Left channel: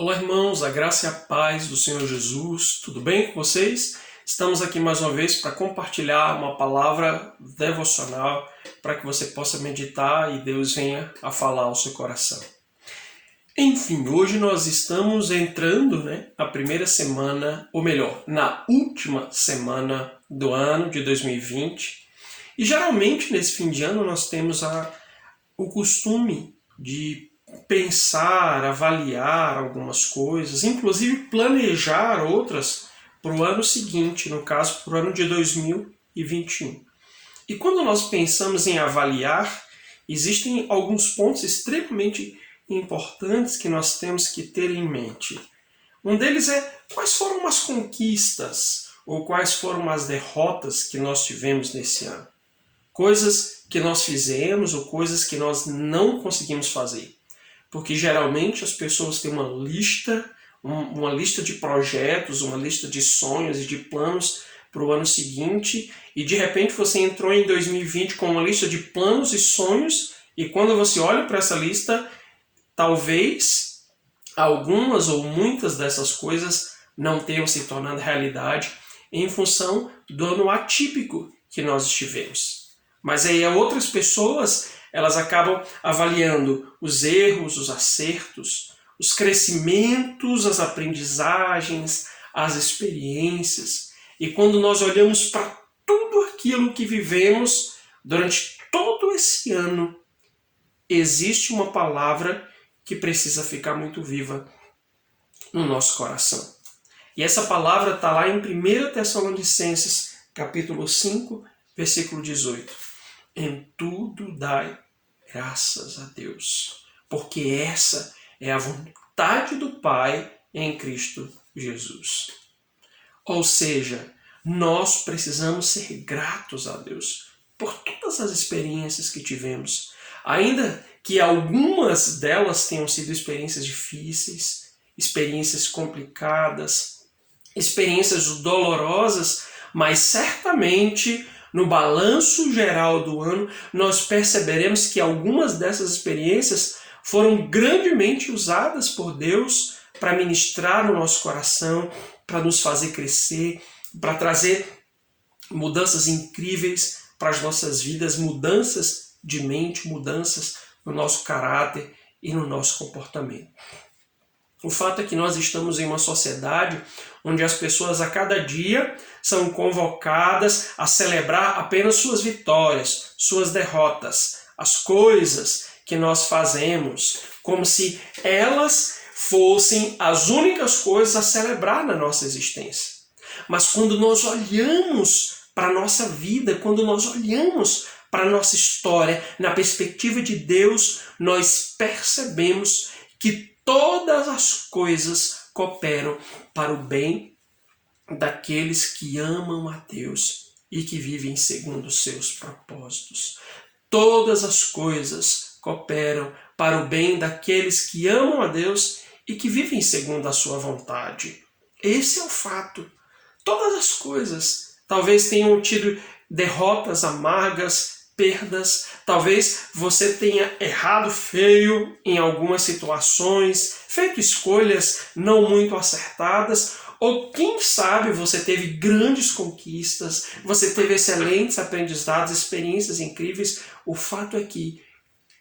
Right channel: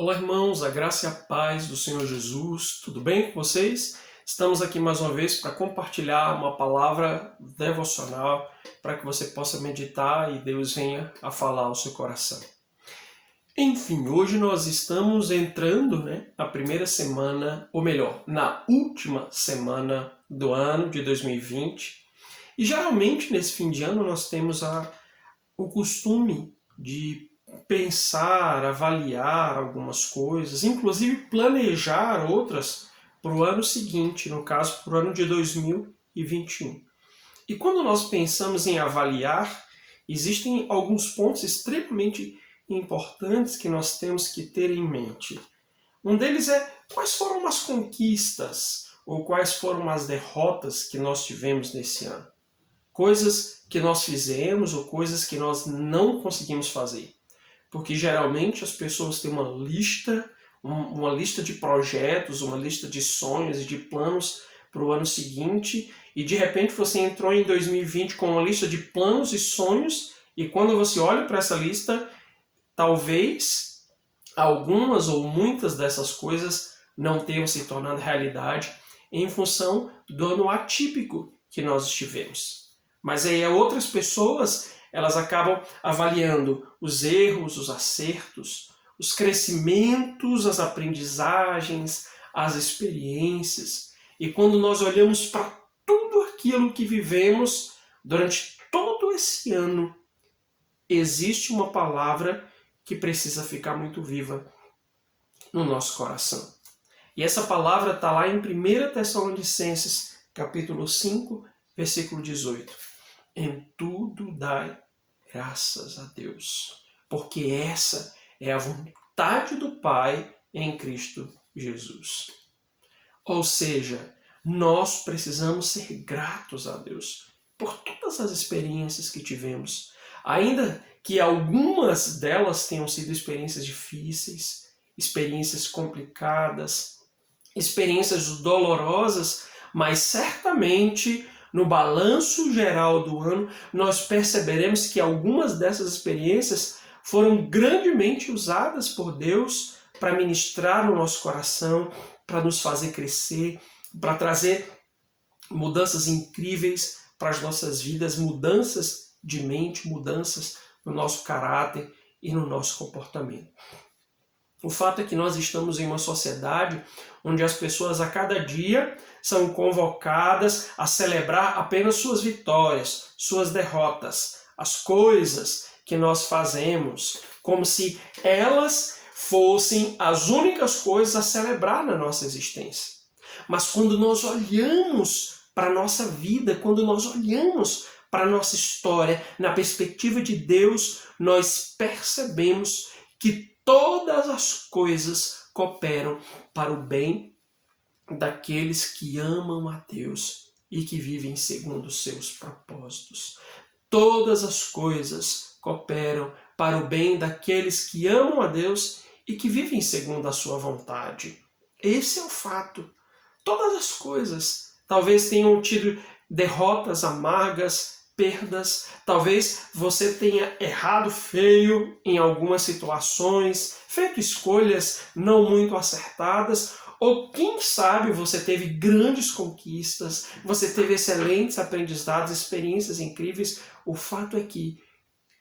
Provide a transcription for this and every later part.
Olá, irmãos, a graça e a paz do Senhor Jesus, tudo bem com vocês? Estamos aqui mais uma vez para compartilhar uma palavra devocional para que você possa meditar e Deus venha a falar ao seu coração. Enfim, hoje nós estamos entrando a primeira semana, ou melhor, na última semana do ano de 2020. E geralmente nesse fim de ano nós temos o costume de pensar, avaliar algumas coisas, inclusive planejar outras para o ano seguinte, no caso, para o ano de 2021. E quando nós pensamos em avaliar, existem alguns pontos extremamente importantes que nós temos que ter em mente. Um deles é quais foram as conquistas ou quais foram as derrotas que nós tivemos nesse ano. Coisas que nós fizemos ou coisas que nós não conseguimos fazer. Porque geralmente as pessoas têm uma lista de projetos, uma lista de sonhos e de planos para o ano seguinte, e de repente você entrou em 2020 com uma lista de planos e sonhos, e quando você olha para essa lista, talvez algumas ou muitas dessas coisas não tenham se tornado realidade em função do ano atípico que nós estivemos. Mas aí outras pessoas, elas acabam avaliando os erros, os acertos, os crescimentos, as aprendizagens, as experiências. E quando nós olhamos para tudo aquilo que vivemos durante todo esse ano, existe uma palavra que precisa ficar muito viva no nosso coração. E essa palavra está lá em 1 Tessalonicenses, capítulo 5, versículo 18. Em tudo dai graças a Deus, porque essa é a vontade do Pai em Cristo Jesus. Ou seja, nós precisamos ser gratos a Deus por todas as experiências que tivemos, ainda que algumas delas tenham sido experiências difíceis, experiências complicadas, experiências dolorosas, mas certamente no balanço geral do ano, nós perceberemos que algumas dessas experiências foram grandemente usadas por Deus para ministrar no nosso coração, para nos fazer crescer, para trazer mudanças incríveis para as nossas vidas, mudanças de mente, mudanças no nosso caráter e no nosso comportamento. O fato é que nós estamos em uma sociedade onde as pessoas a cada dia são convocadas a celebrar apenas suas vitórias, suas derrotas, as coisas que nós fazemos, como se elas fossem as únicas coisas a celebrar na nossa existência. Mas quando nós olhamos para a nossa vida, quando nós olhamos para a nossa história, na perspectiva de Deus, nós percebemos que todas as coisas cooperam para o bem daqueles que amam a Deus e que vivem segundo os seus propósitos. Todas as coisas cooperam para o bem daqueles que amam a Deus e que vivem segundo a sua vontade. Esse é o fato. Todas as coisas talvez tenham tido derrotas amargas, perdas, talvez você tenha errado feio em algumas situações, feito escolhas não muito acertadas, ou quem sabe você teve grandes conquistas, você teve excelentes aprendizados, experiências incríveis. O fato é que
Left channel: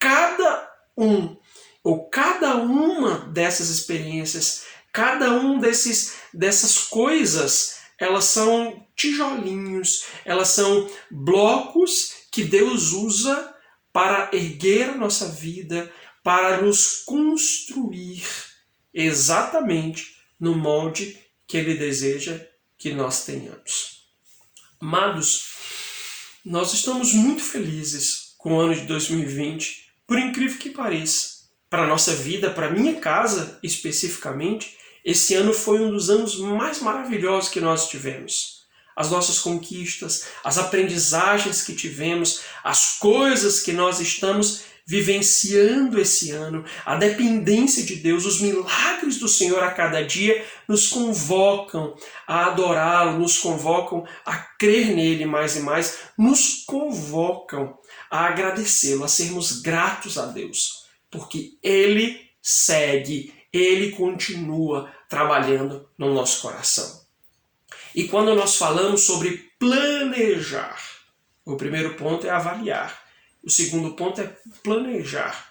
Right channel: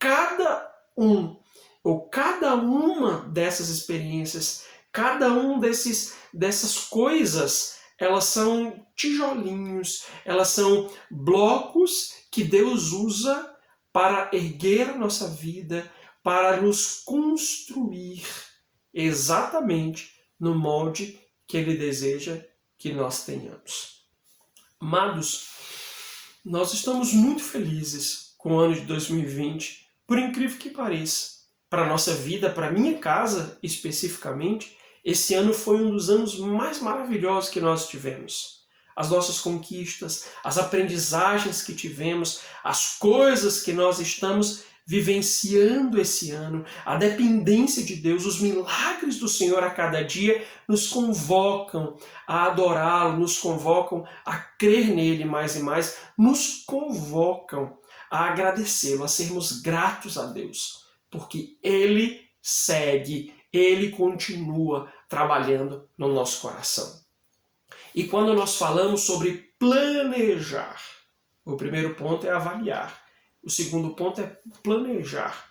cada uma dessas experiências, cada um dessas coisas, elas são tijolinhos, elas são blocos que Deus usa para erguer a nossa vida, para nos construir exatamente no molde que Ele deseja que nós tenhamos. Amados, nós estamos muito felizes com o ano de 2020, por incrível que pareça. Para a nossa vida, para a minha casa especificamente, esse ano foi um dos anos mais maravilhosos que nós tivemos. As nossas conquistas, as aprendizagens que tivemos, as coisas que nós estamos vivenciando esse ano, a dependência de Deus, os milagres do Senhor a cada dia nos convocam a adorá-lo, nos convocam a crer nele mais e mais, nos convocam a agradecê-lo, a sermos gratos a Deus, porque Ele segue Ele continua trabalhando no nosso coração. E quando nós falamos sobre planejar, o primeiro ponto é avaliar, o segundo ponto é planejar.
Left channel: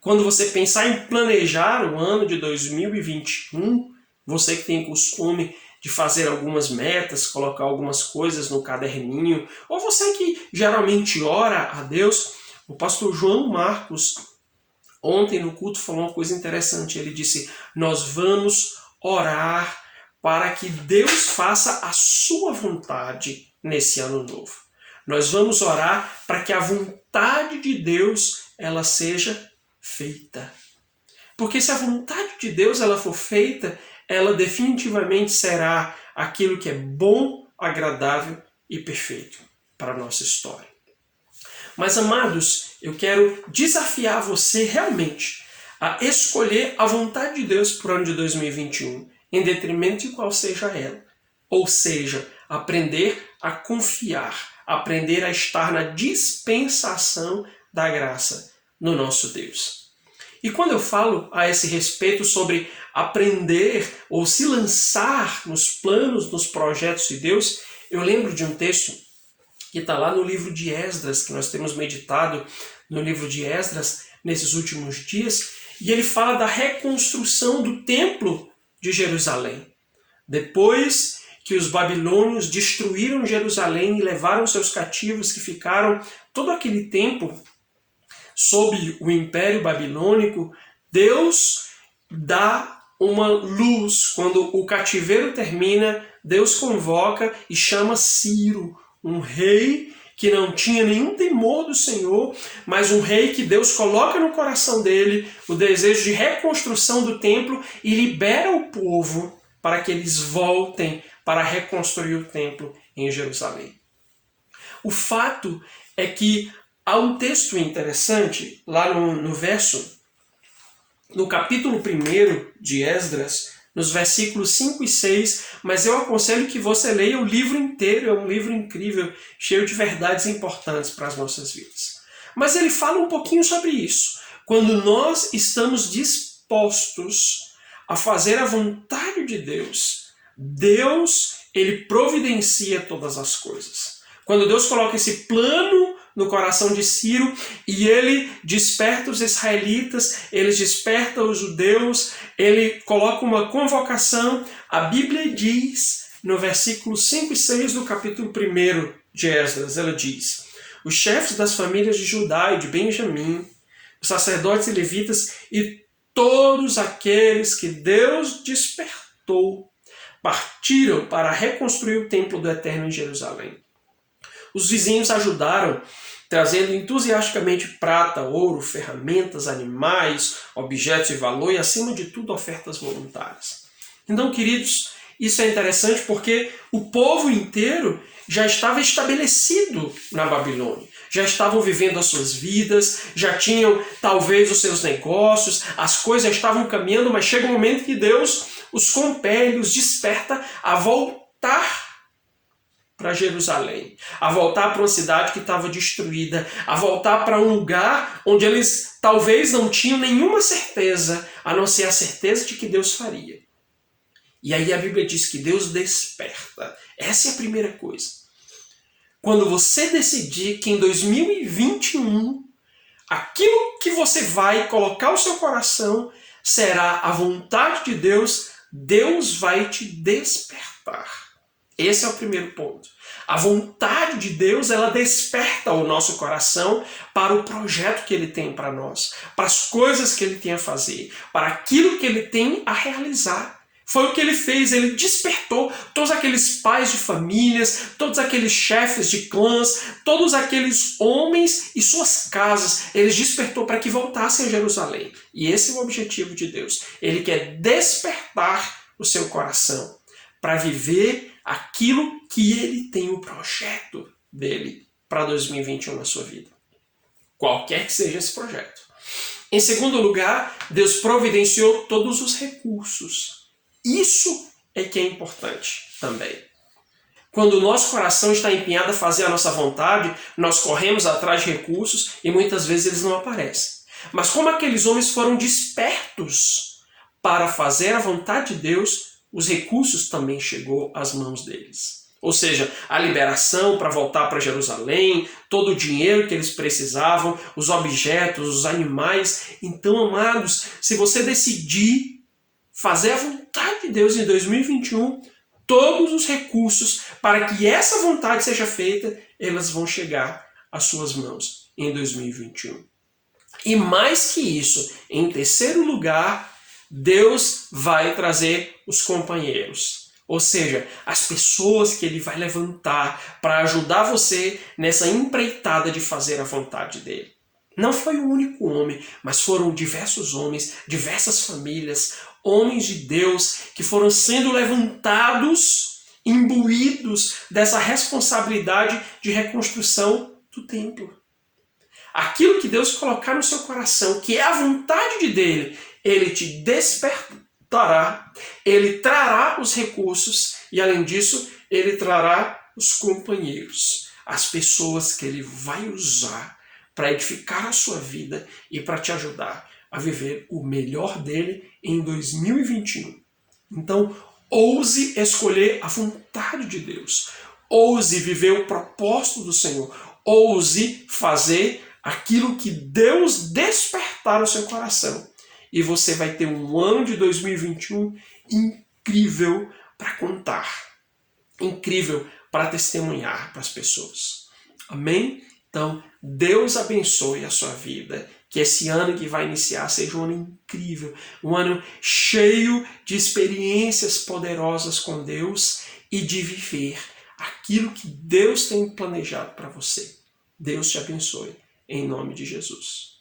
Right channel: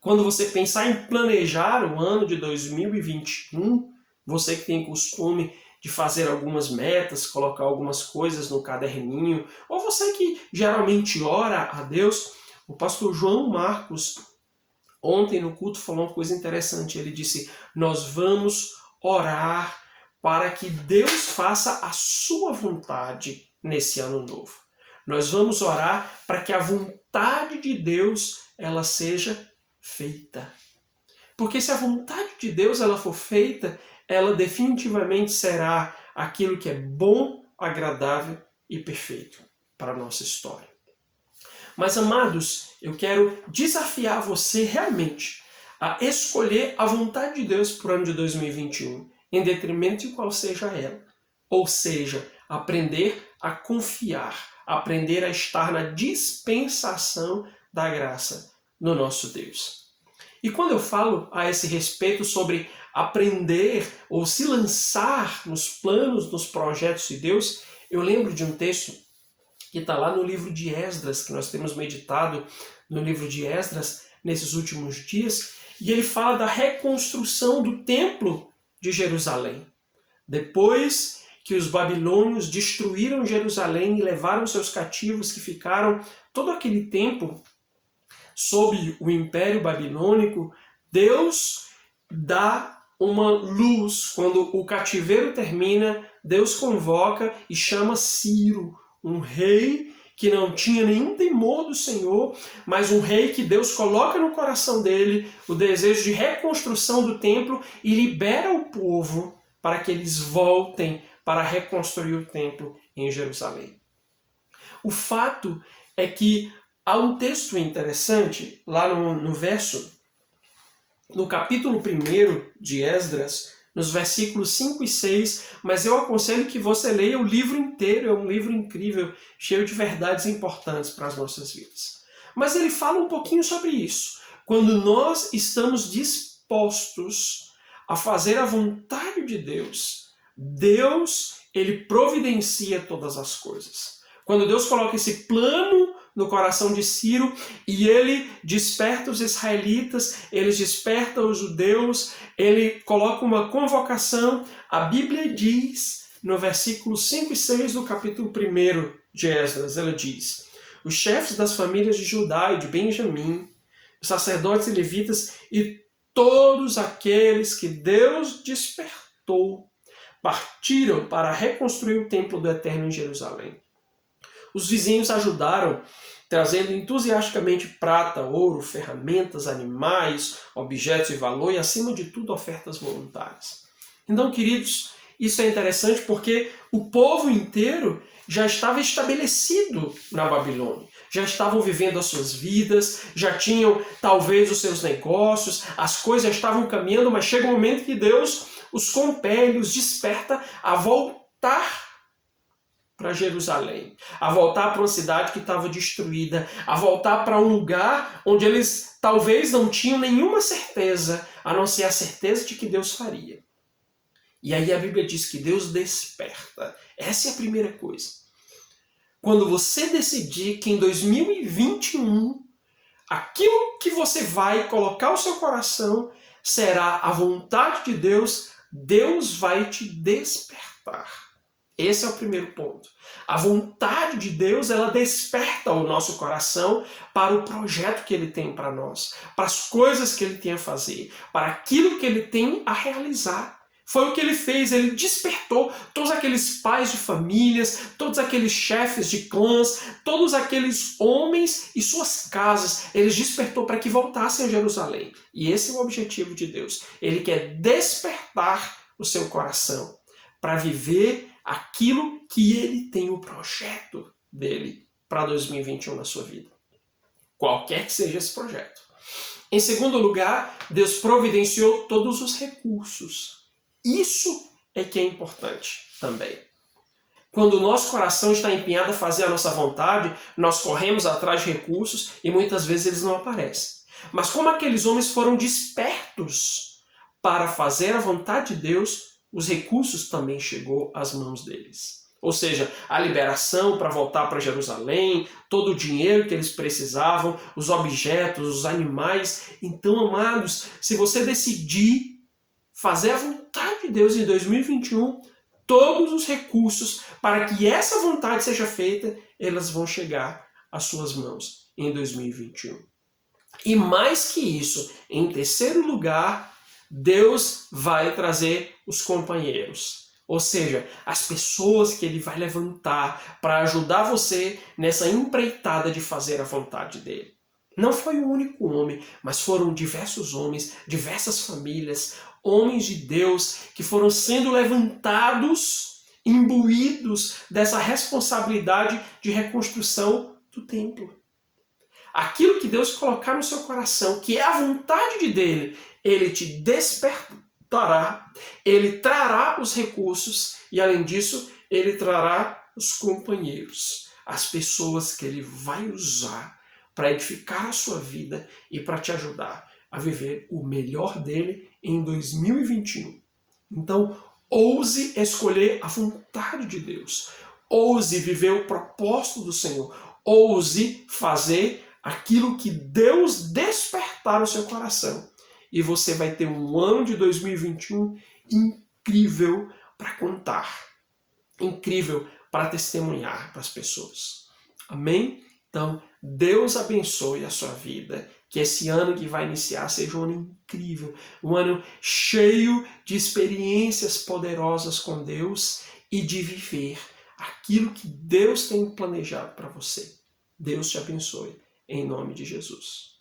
Quando você pensar em planejar o ano de 2021, você que tem costume de fazer algumas metas, colocar algumas coisas no caderninho, ou você que geralmente ora a Deus, o pastor João Marcos, ontem no culto, falou uma coisa interessante. Ele disse, nós vamos orar para que Deus faça a sua vontade nesse ano novo. Nós vamos orar para que a vontade de Deus ela seja feita. Porque se a vontade de Deus ela for feita, ela definitivamente será aquilo que é bom, agradável e perfeito para a nossa história. Mas, amados, eu quero desafiar você realmente a escolher a vontade de Deus para o ano de 2021, em detrimento de qual seja ela. Ou seja, aprender a confiar, aprender a estar na dispensação da graça no nosso Deus. E quando eu falo a esse respeito sobre aprender ou se lançar nos planos, nos projetos de Deus, eu lembro de um texto que está lá no livro de Esdras, que nós temos meditado no livro de Esdras nesses últimos dias, e ele fala da reconstrução do templo de Jerusalém. Depois que os babilônios destruíram Jerusalém e levaram seus cativos que ficaram todo aquele tempo sob o Império Babilônico, Deus dá uma luz. Quando o cativeiro termina, Deus convoca e chama Ciro, um rei que não tinha nenhum temor do Senhor, mas um rei que Deus coloca no coração dele o desejo de reconstrução do templo e libera o povo para que eles voltem para reconstruir o templo em Jerusalém. O fato é que há um texto interessante lá no capítulo 1 de Esdras, nos versículos 5 e 6, mas eu aconselho que você leia o livro inteiro, é um livro incrível, cheio de verdades importantes para as nossas vidas. Mas ele fala um pouquinho sobre isso. Quando nós estamos dispostos a fazer a vontade de Deus, Deus, ele providencia todas as coisas. Quando Deus coloca esse plano no coração de Ciro e ele desperta os israelitas, ele desperta os judeus, ele coloca uma convocação. A Bíblia diz, no versículo 5 e 6 do capítulo 1 de Esdras, ela diz: os chefes das famílias de Judá e de Benjamim, os sacerdotes e levitas e todos aqueles que Deus despertou, partiram para reconstruir o templo do Eterno em Jerusalém. Os vizinhos ajudaram, trazendo entusiasticamente prata, ouro, ferramentas, animais, objetos de valor e, acima de tudo, ofertas voluntárias. Então, queridos, isso é interessante porque o povo inteiro já estava estabelecido na Babilônia. Já estavam vivendo as suas vidas, já tinham talvez os seus negócios, as coisas estavam caminhando, mas chega um momento que Deus os compele, os desperta a voltar para Jerusalém, a voltar para uma cidade que estava destruída, a voltar para um lugar onde eles talvez não tinham nenhuma certeza, a não ser a certeza de que Deus faria. E aí a Bíblia diz que Deus desperta. Essa é a primeira coisa. Quando você decidir que em 2021, aquilo que você vai colocar o seu coração será a vontade de Deus, Deus vai te despertar. Esse é o primeiro ponto. A vontade de Deus, ela desperta o nosso coração para o projeto que Ele tem para nós, para as coisas que Ele tem a fazer, para aquilo que Ele tem a realizar. Foi o que Ele fez, Ele despertou todos aqueles pais de famílias, todos aqueles chefes de clãs, todos aqueles homens e suas casas, Ele despertou para que voltassem a Jerusalém. E esse é o objetivo de Deus. Ele quer despertar o seu coração para viver aquilo que Ele tem o projeto dele para 2021 na sua vida. Qualquer que seja esse projeto. Em segundo lugar, Deus providenciou todos os recursos. Isso é que é importante também. Quando o nosso coração está empenhado a fazer a nossa vontade, nós corremos atrás de recursos e muitas vezes eles não aparecem. Mas como aqueles homens foram despertos para fazer a vontade de Deus, os recursos também chegou às mãos deles. Ou seja, a liberação para voltar para Jerusalém, todo o dinheiro que eles precisavam, os objetos, os animais. Então, amados, se você decidir fazer a vontade de Deus em 2021, todos os recursos para que essa vontade seja feita, elas vão chegar às suas mãos em 2021. E mais que isso, em terceiro lugar, Deus vai trazer os companheiros. Ou seja, as pessoas que Ele vai levantar para ajudar você nessa empreitada de fazer a vontade dEle. Não foi um único homem, mas foram diversos homens, diversas famílias, homens de Deus que foram sendo levantados, imbuídos dessa responsabilidade de reconstrução do templo. Aquilo que Deus colocar no seu coração, que é a vontade dele, Ele te despertará, Ele trará os recursos e, além disso, Ele trará os companheiros, as pessoas que Ele vai usar para edificar a sua vida e para te ajudar a viver o melhor dele em 2021. Então, ouse escolher a vontade de Deus, ouse viver o propósito do Senhor, ouse fazer aquilo que Deus despertar no seu coração. E você vai ter um ano de 2021 incrível para contar, incrível para testemunhar para as pessoas. Amém? Então, Deus abençoe a sua vida, que esse ano que vai iniciar seja um ano incrível, um ano cheio de experiências poderosas com Deus e de viver aquilo que Deus tem planejado para você. Deus te abençoe, em nome de Jesus.